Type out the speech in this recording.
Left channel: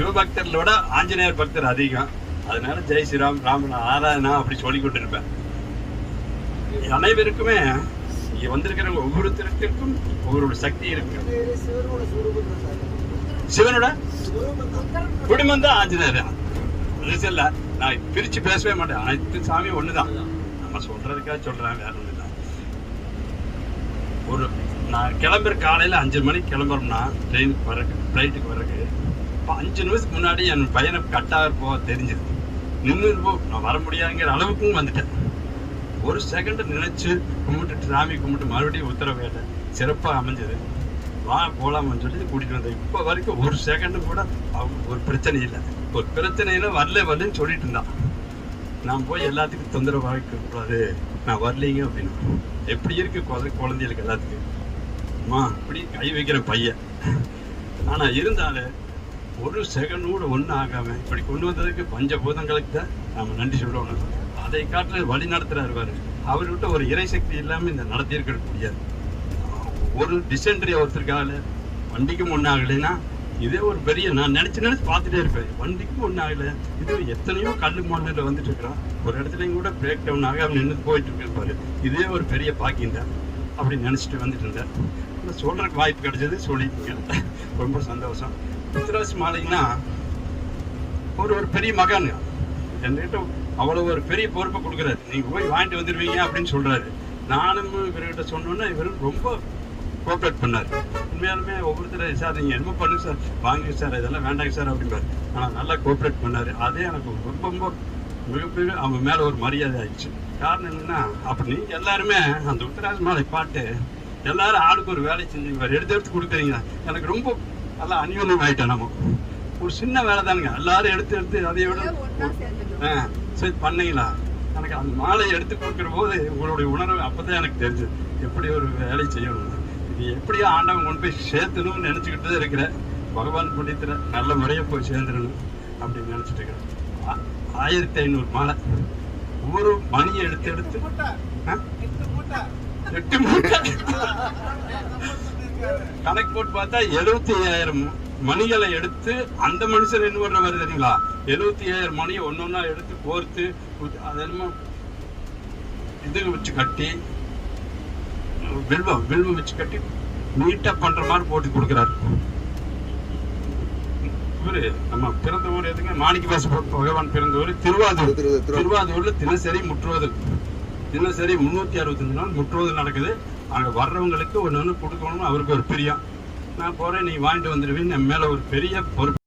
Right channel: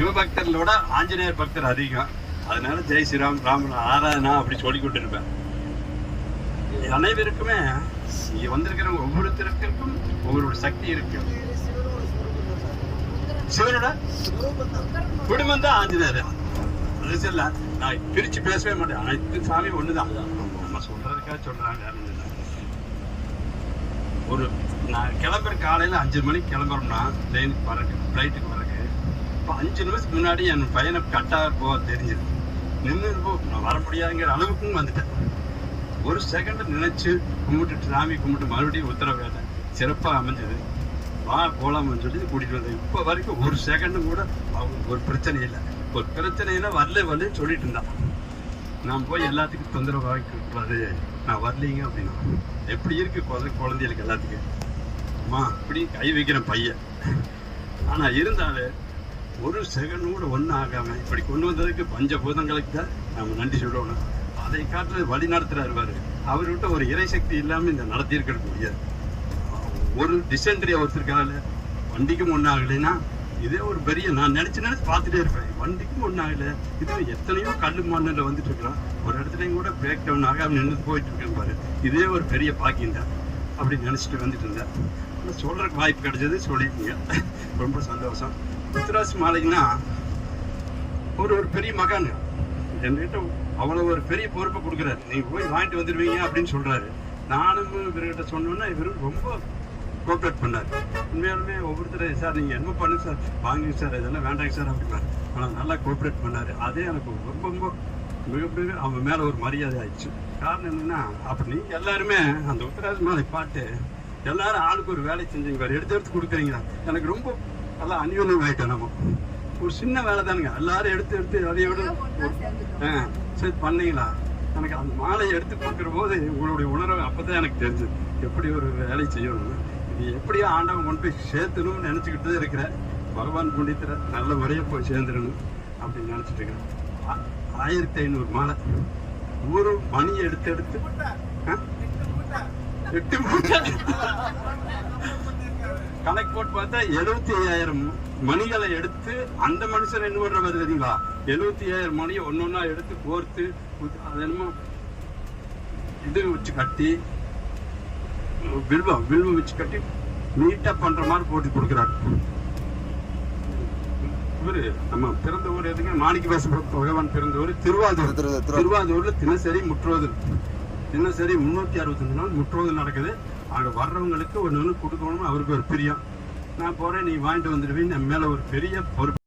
சிவபக்தர்களோட ஆஞ்சநேயர் பக்தர் அதிகம். அதனால ஜெய் ஸ்ரீராம், ராம ஆராதனா அப்படி சொல்லி கொண்டு இருப்பேன். அனைவருக்குமே இங்க வந்திருக்கிற ஒவ்வொருத்தருக்கும் ஒவ்வொரு சக்தி இருக்கு. சிவனோட குடும்பம் தான் ஆஞ்சநேயர். இல்ல, நான் பிரிச்சு பேசவே மாட்டேன். அனைத்து சாமி ஒண்ணுதான். நம்ம சொல்றதுக்காக சொல்றேன், வேற ஒண்ணு இல்லை. ஒரு நான் கிளம்புற காலையில 5 மணிக்கு கிளம்புறோம்னா ட்ரெயினுக்கு வர்றதுக்கு, ஃப்ளைட்டுக்கு வர்றதுக்கு 5 நிமிஷத்துக்கு முன்னாடி என் பையனை கட்டாக போக தெரிஞ்சிருக்கு. நின்று நான் வர முடியாதுங்கிற அளவுக்கும் வந்துட்டேன். ஒரு செகண்ட் நினைச்சு கும்பிட்டு சாமி கும்பிட்டு மறுபடியும் உத்தரவு இல்லை, சிறப்பாக அமைஞ்சது. வா போலாமான்னு சொல்லி கூட்டிட்டு வந்தேன். இப்போ வரைக்கும் ஒரு செகண்டும் கூட அவங்களுக்கு ஒரு பிரச்சனை இல்லை. ஒரு பிரச்சனையில வரலன்னு சொல்லிட்டு இருந்தான். நான் போய் எல்லாத்துக்கும் தொந்தரவு வாங்கிக்கூடாது, நான் வரலீங்க அப்படின்னா எப்படி இருக்கு குழந்தைகளுக்கு எல்லாத்துக்கும். அம்மா இப்படி கை வைக்கிறேன் பையன். ஆனா இருந்தாலும் ஒரு செகண்ட் கூட ஒன்றும் ஆகாம இப்படி கொண்டு வந்ததுக்கு பஞ்சபூதங்களுக்கு தான் நம்ம நன்றி சொல்லணும். அதை காட்டுல வழி நடத்துறாரு பாரு. அவர்கிட்ட ஒரு இறைசக்தி இல்லாம இந்த நடத்தியிருக்க முடியாது. ஒரு டிசென்ட்ரி ஒருத்தருக்காக வண்டிக்கும் ஒன்றாகலைன்னா இதே ஒரு பெரிய, நான் நினைச்சு பார்த்துட்டே இருப்பேன். வண்டிக்கும் ஒன்றாகல, இது எத்தனையோ கல்லு மண்ணில் வந்துட்டு இருக்கிறோம். ஒரு இடத்துலையும் கூட பிரேக் டவுன் ஆகாம நின்று போயிட்டு இருக்கேன் பாரு. இதே ஒரு பெரிய பாக்கியம் தான். அப்படி நினைச்சிட்டு வந்துட்டு இருந்தேன். சொல்றதுக்கு வாய்ப்பு கிடைச்சது, சொல்லிட்டீங்க, ரொம்ப சந்தோஷம். உத்திராசி மாலைன்னா ஒரு பெரிய மகான் என்கிட்ட அவ்வளவு ஒரு பெரிய பொறுப்பை கொடுக்குறாரு. நீங்க போய் வாங்கிட்டு வந்துடுவீங்க அப்படின்னு சொல்றாரு. நானும் இவர்கிட்ட சொன்னோன்னா இவர் ரொம்ப கோஆப்ரேட் பண்ணார். உண்மையாலுமே ஒவ்வொருத்தர் சார் நீங்கள் என்ன பண்ணுங்க சார், வாங்குங்க சார், இதெல்லாம் வேண்டாங்க சார் அப்படின்பாரு. ஆனால் நல்லா கோஆப்ரேட் பண்ணார். அதே எனக்கு ரொம்ப ரொம்ப மிகப்பெரிய அவன் மேலே ஒரு மரியாதை ஆயிடுச்சு. காரணம் என்னன்னா, அப்படி எல்லாருமே அந்த உத்திராசி மாலை பாட்டு எல்லாரும் ஆளுக்கு ஒரு வேலை செஞ்சுங்க பாரு, எடுத்து கொடுக்குறீங்க. எனக்கு ரொம்ப நல்லா அந்யோன்யம் ஆகிட்டேன். நம்ம ஒரு சின்ன வேலை தானுங்க, எல்லாரும் எடுத்து அதை விட சரி பண்ணீங்களா. எனக்கு அந்த மாலையை எடுத்து கொடுக்குற போது உங்களுடைய உணர்வு அப்போதான் எனக்கு தெரிஞ்சது எப்படி ஒரு வேலை செய்யணும். இது எப்படியோ ஆண்டவன் கொண்டு போய் சேர்த்தணும்னு நினச்சிக்கிட்டு இருக்கிறேன். பகவான் புண்ணியத்துல நல்ல முறையை போய் சேர்ந்துடணும் அப்படின்னு நினச்சிட்டு இருக்கிறேன். 1500 மாலை ஒரு மணியை எடுத்து 8 மூட்டை கணக்கு போட்டு பார்த்தா 75,000 மணிகளை எடுத்து அந்த மனுஷன் என்ன பண்ற மாதிரி தெரியுங்களா, 75,000 மணியை ஒன்னொன்னா எடுத்து கோர்த்து அதெல்லாம் இது வச்சு கட்டி வில்வம் வச்சு கட்டி நீட்டா பண்ற மாதிரி போட்டு கொடுக்குறாரு. இவரு நம்ம பிறந்த ஊர் எதுக்கு, மாணிக்க வாச பகவான் பிறந்த ஊர் திருவாதூர்ல தினசரி முற்றுவதல், தினசரி 365 நாள் முற்றுவதல் நடக்குது. அங்கே வர்றவங்களுக்கு ஒன்று கொடுக்கணும். அவருக்கு ஒரு பிரியம். நான் போறேன், நீ வாங்கிட்டு வந்துடுவீன்னு என் மேல ஒரு பெரிய பொறுப்பு.